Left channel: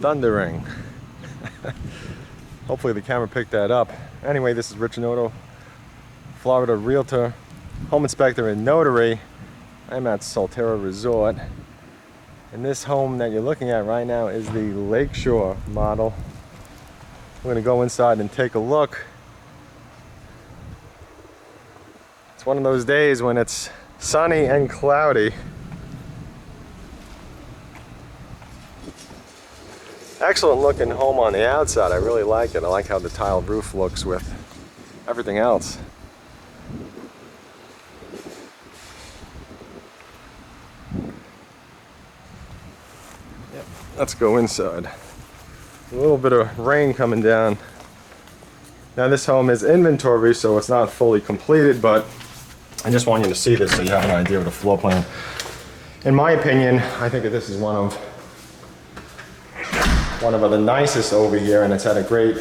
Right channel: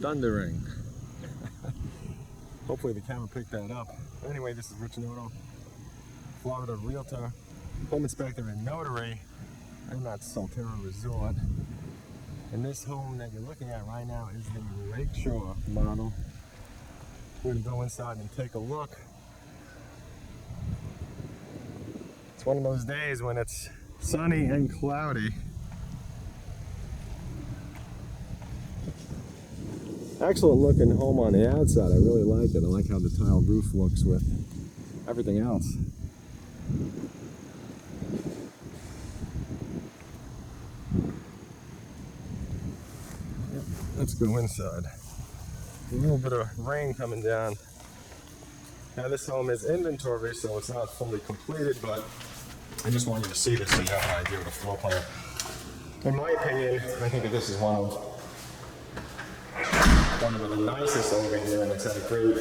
thundering. Hopefully the camera picked that up. Anyway, this is Rich Noto, Florida Realtor, Home Inspector and Notary. I'm at Solterra Resort. And this home that you're looking at right now is the Lakeshore model. We're gonna go inside and take a look. It's one of those days when it's sunny and cloudy. Excellent looking home on the outside. I really like it. I like how the tiled roof looks with everything else. Yep. Let's go inside. A little bit of rain coming down. Now this home is inventory, so it's not fully completed, but I just want you to see this so you have an idea of the floor plan. In my opinion, I think that this is one of the nicest over here, and it's at a great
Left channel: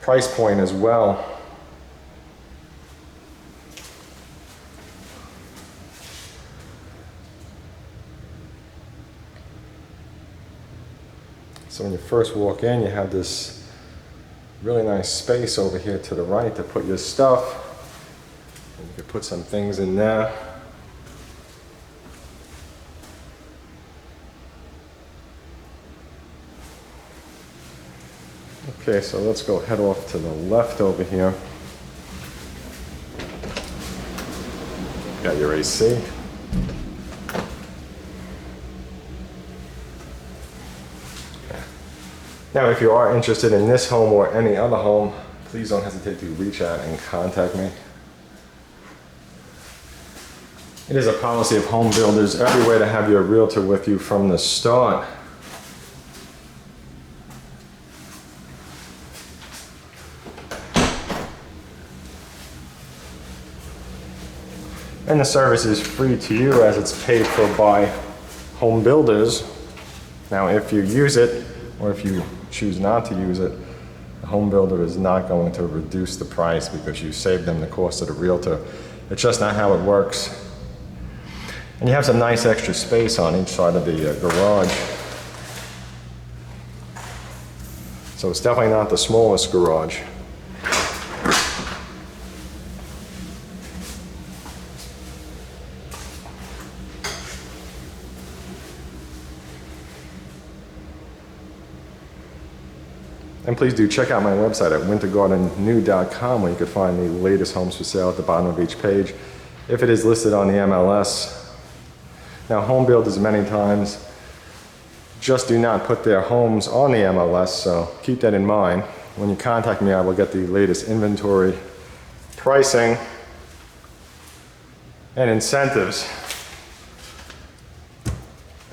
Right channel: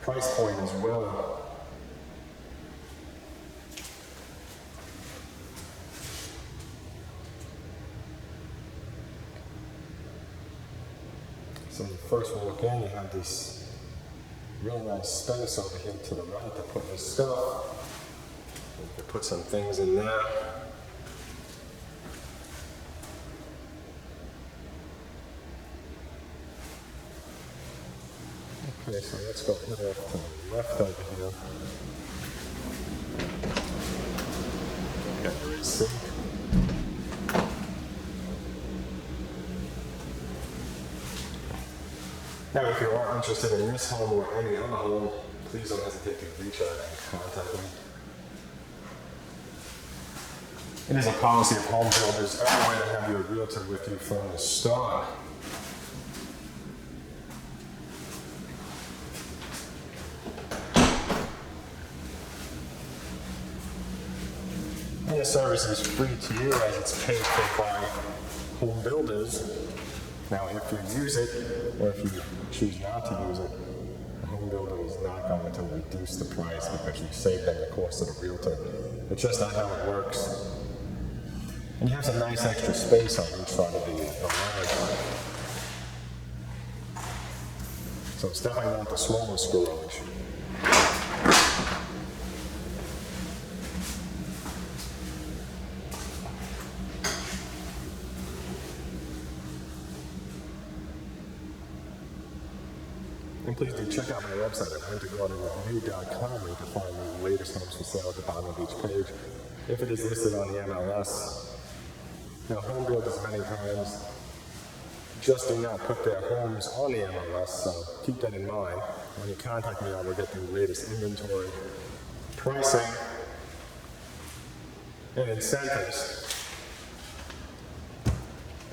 price point as well. So when you first walk in, you have this really nice space over here to the right to put your stuff. And you can put some things in there. Okay, so let's go head off to the left over here. Got your AC. Now, if you are interested in this home or any other home, please don't hesitate to reach out and contact me. It is a policy of home builders everywhere to have your realtor with you from the start. And the service is free to you as it's paid for by home builders. Now, if you use it, or if you choose not to use it, the home builder is not going to reduce the price because you saved them the cost of the realtor. It's just not how it works. And you have some nice extra space on each side of the garage. So it's definitely not the smallest garage. And please do check out my website at wintergardennew.com, where you can find the latest homes for sale at the bottom of each page, if it is listed on the MLS. Now, home builders many times just do not put their homes on the MLS, so keep that in mind. When you contact me, I will get the latest inventory, pricing, and incentives.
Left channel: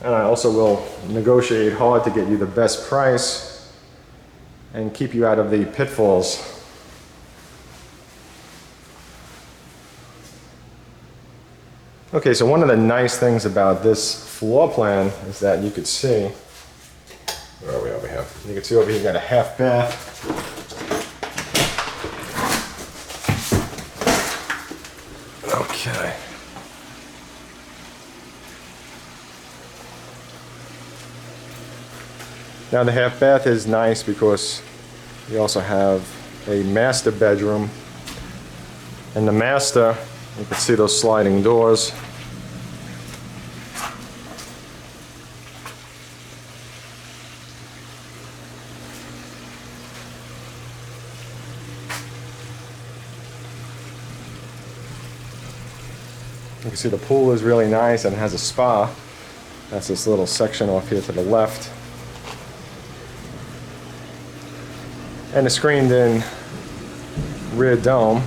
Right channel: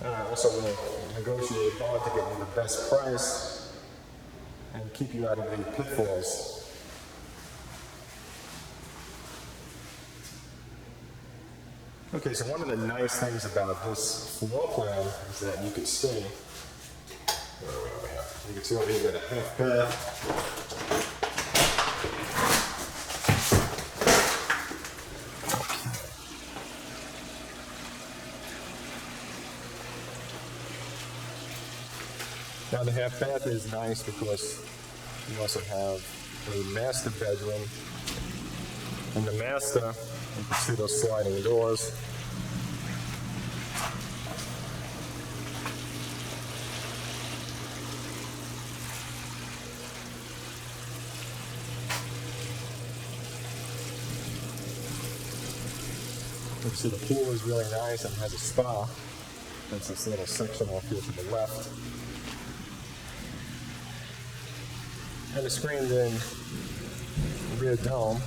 And I also will negotiate hard to get you the best price and keep you out of the pitfalls. Okay, so one of the nice things about this floor plan is that you could see, where are we over here? You can see over here you got a half bath. Okay. Now the half bath is nice because you also have a master bedroom. In the master, you can see those sliding doors. You can see the pool is really nice and has a spa. That's this little section off here to the left. And a screened-in rear dome.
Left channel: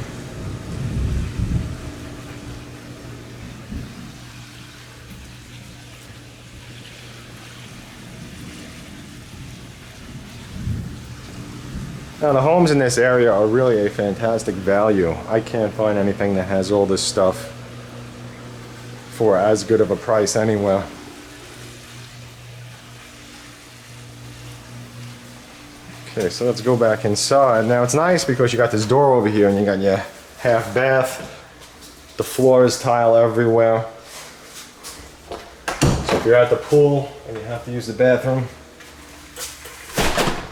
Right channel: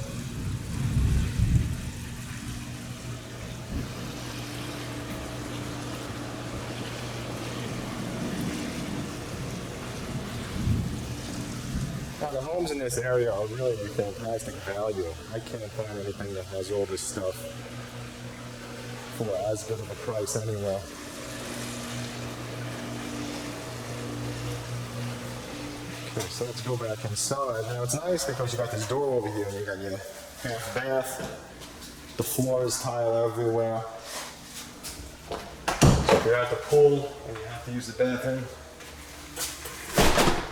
Now the homes in this area are really a fantastic value. I can't find anything that has all this stuff for as good of a price anywhere. Okay, so let's go back inside. Now it's nice because you got this door over here and you got your half bath. The floor is tile everywhere. So if you're at the pool and you have to use the bathroom,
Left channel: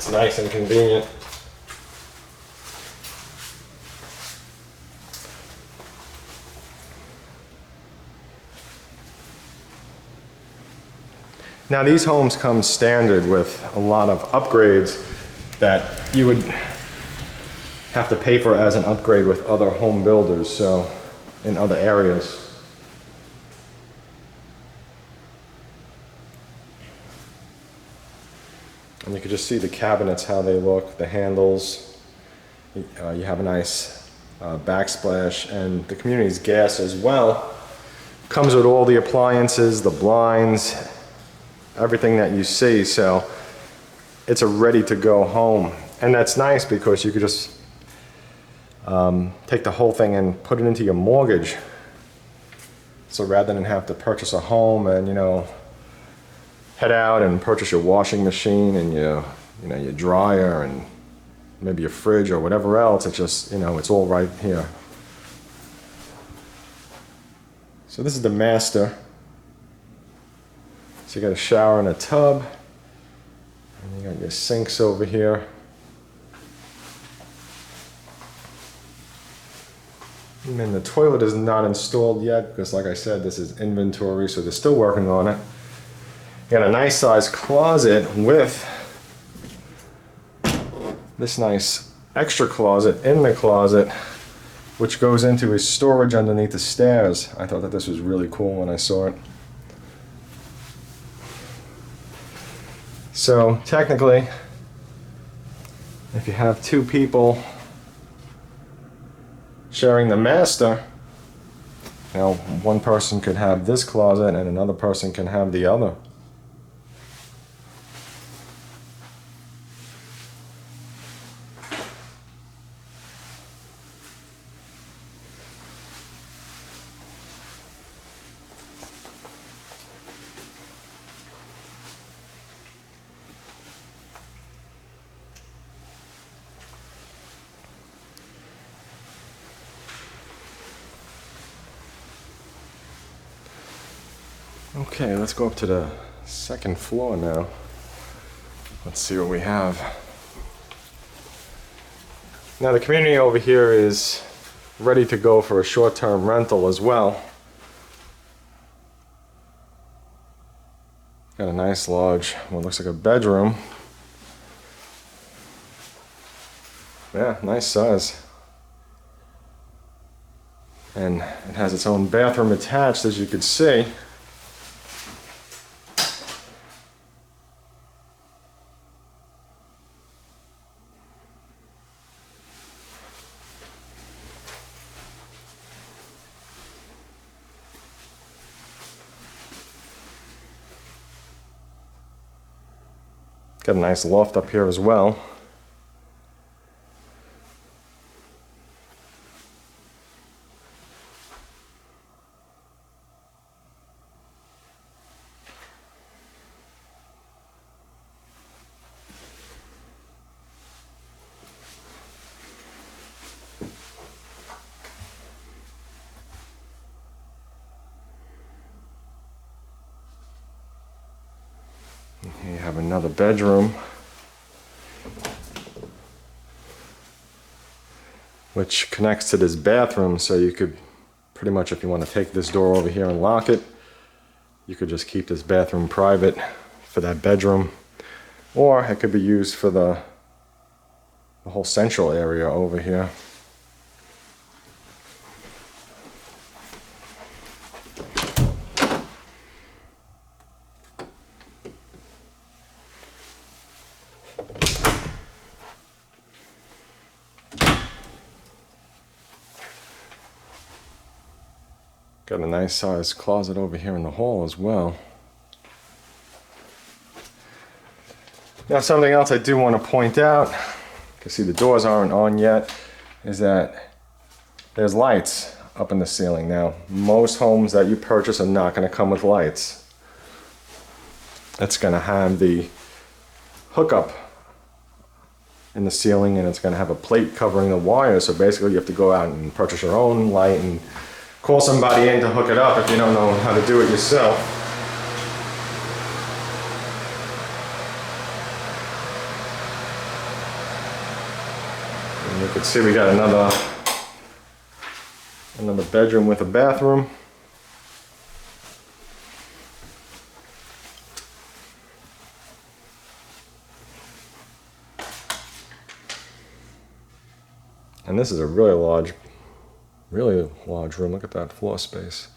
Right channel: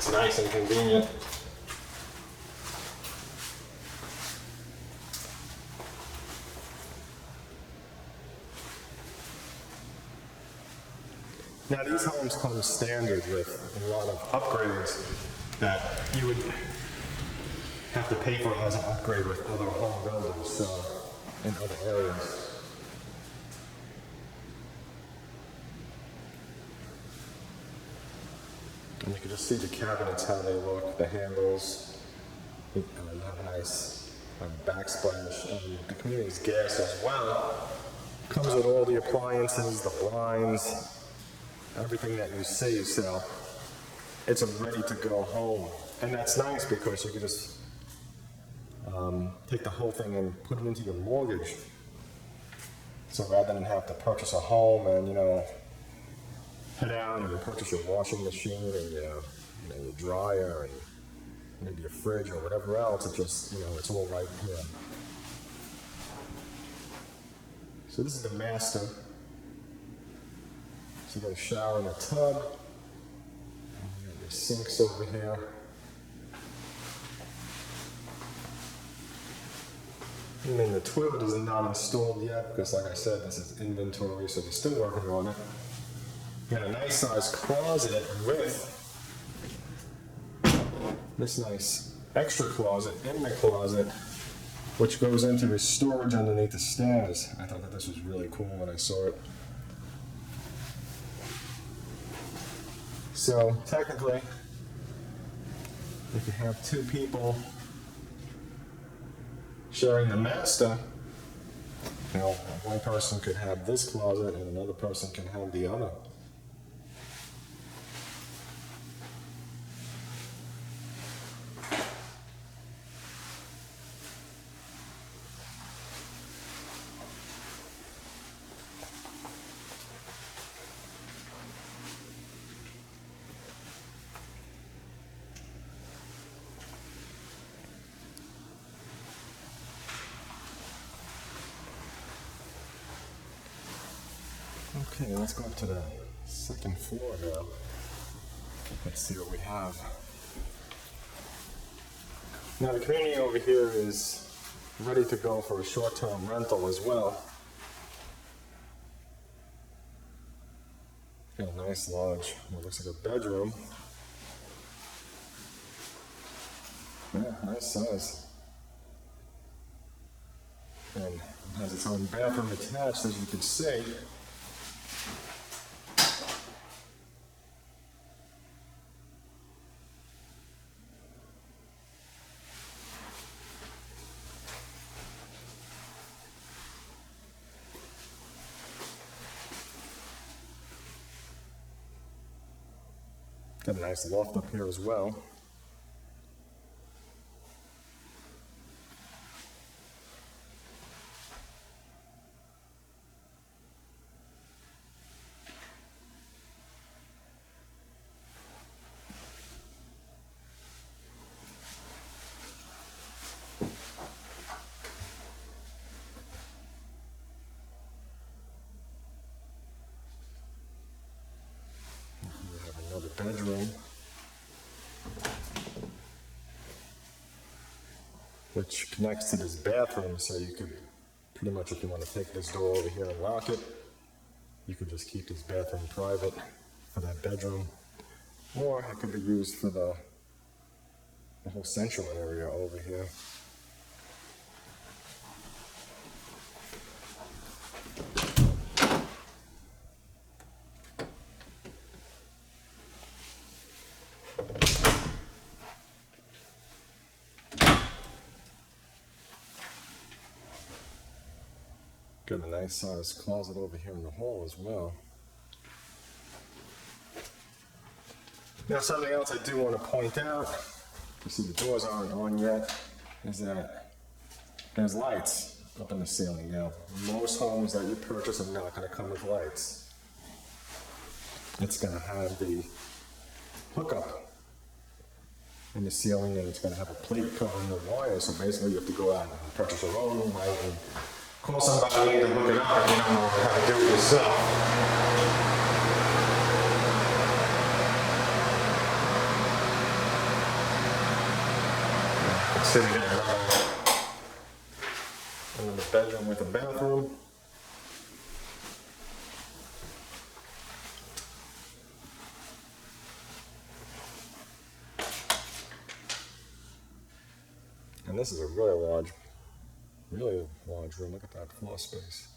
It's nice and convenient. Now these homes come standard with a lot of upgrades that you would have to pay for as an upgrade with other home builders, so in other areas. And you can just see the cabinets, how they look, the handles. You have a nice backsplash, and the community's gas as well. Comes with all the appliances, the blinds, everything that you see, so it's a ready-to-go home. And that's nice because you could just take the whole thing and put it into your mortgage. So rather than have to purchase a home and, you know, head out and purchase your washing machine and your dryer and maybe your fridge or whatever else, it's just, you know, it's all right here. So this is the master. So you got a shower and a tub, and you got your sinks over here. And then the toilet is not installed yet because, like I said, this is inventory, so they're still working on it. You got a nice sized closet with this nice extra closet in the closet, which goes into his storage underneath the stairs. I thought that this was really cool when I saw it. So technically, if you have two people sharing the master, you know, one person could have this closet and another person can have the other. Okay, let's go up to the second floor now. Let's see what we have. Now the community over here is ready to go for a short-term rental as well. Got a nice large, what looks like a bedroom. Yeah, nice size. And it has its own bathroom attached, as you can see. Got a nice loft up here as well. You have another bedroom, which connects to this bathroom, so you could pretty much, if you want to take this door over here and lock it, you could just keep this bathroom private for that bedroom, or it could be used for the whole central area over here. Got a nice sized closet over here in the hall as well. Now something else I do want to point out, you can see the doors aren't on yet, is that there's lights up in the ceiling. Now most homes that you purchase are not going to come with lights. It's going to have the hookup in the ceiling, and it's going to have a plate covering the wire, so basically you have to go out and purchase your own light and call somebody in to hook it up if you don't know how to do it yourself. can see we got another bedroom with a bathroom. And this is a really large room. Look at that floor space.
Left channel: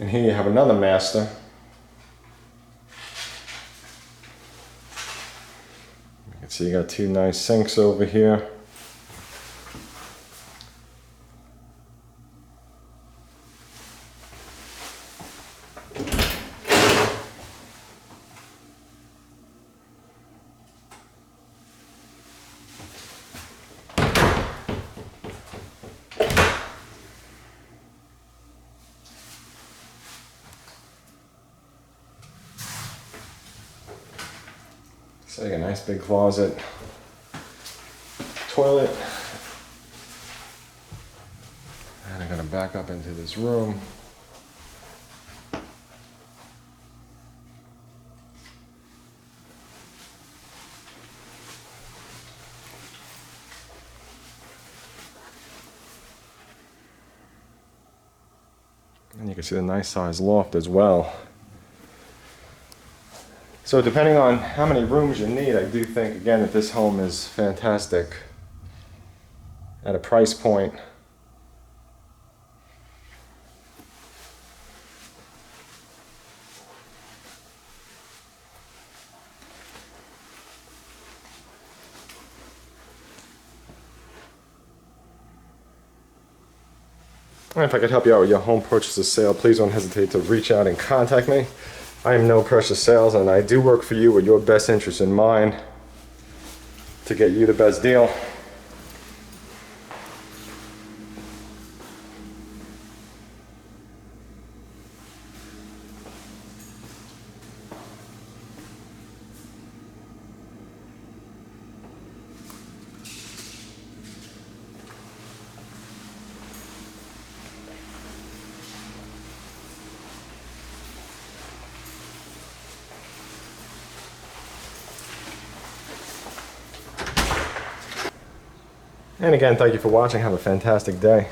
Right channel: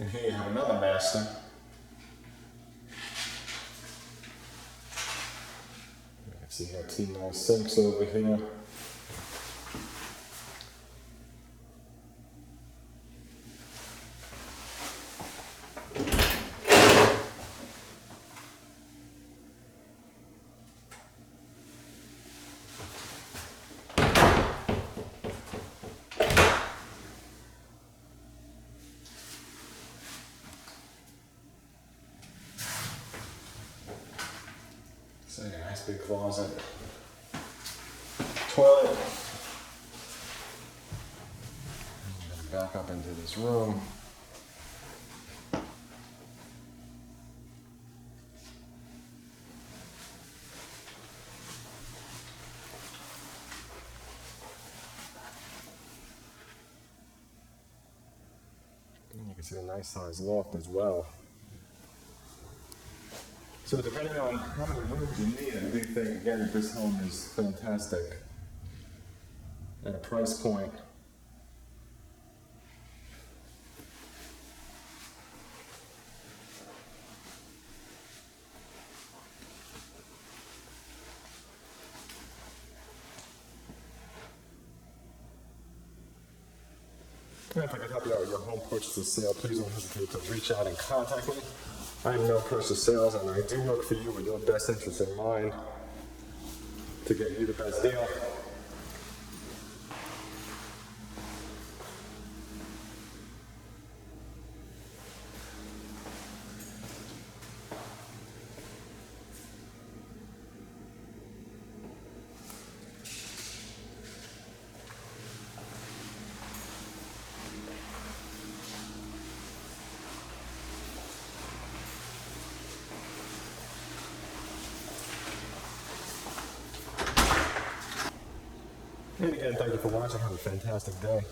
And here you have another master. You can see you got two nice sinks over here. So you got a nice big closet, toilet, and I'm gonna back up into this room. And you can see the nice sized loft as well. So depending on how many rooms you need, I do think, again, that this home is fantastic at a price point. And if I could help you out with your home purchase or sale, please don't hesitate to reach out and contact me. I am No Pressure Sales, and I do work for you with your best interest in mind to get you the best deal. And again, thank you for watching. Have a fantastic day.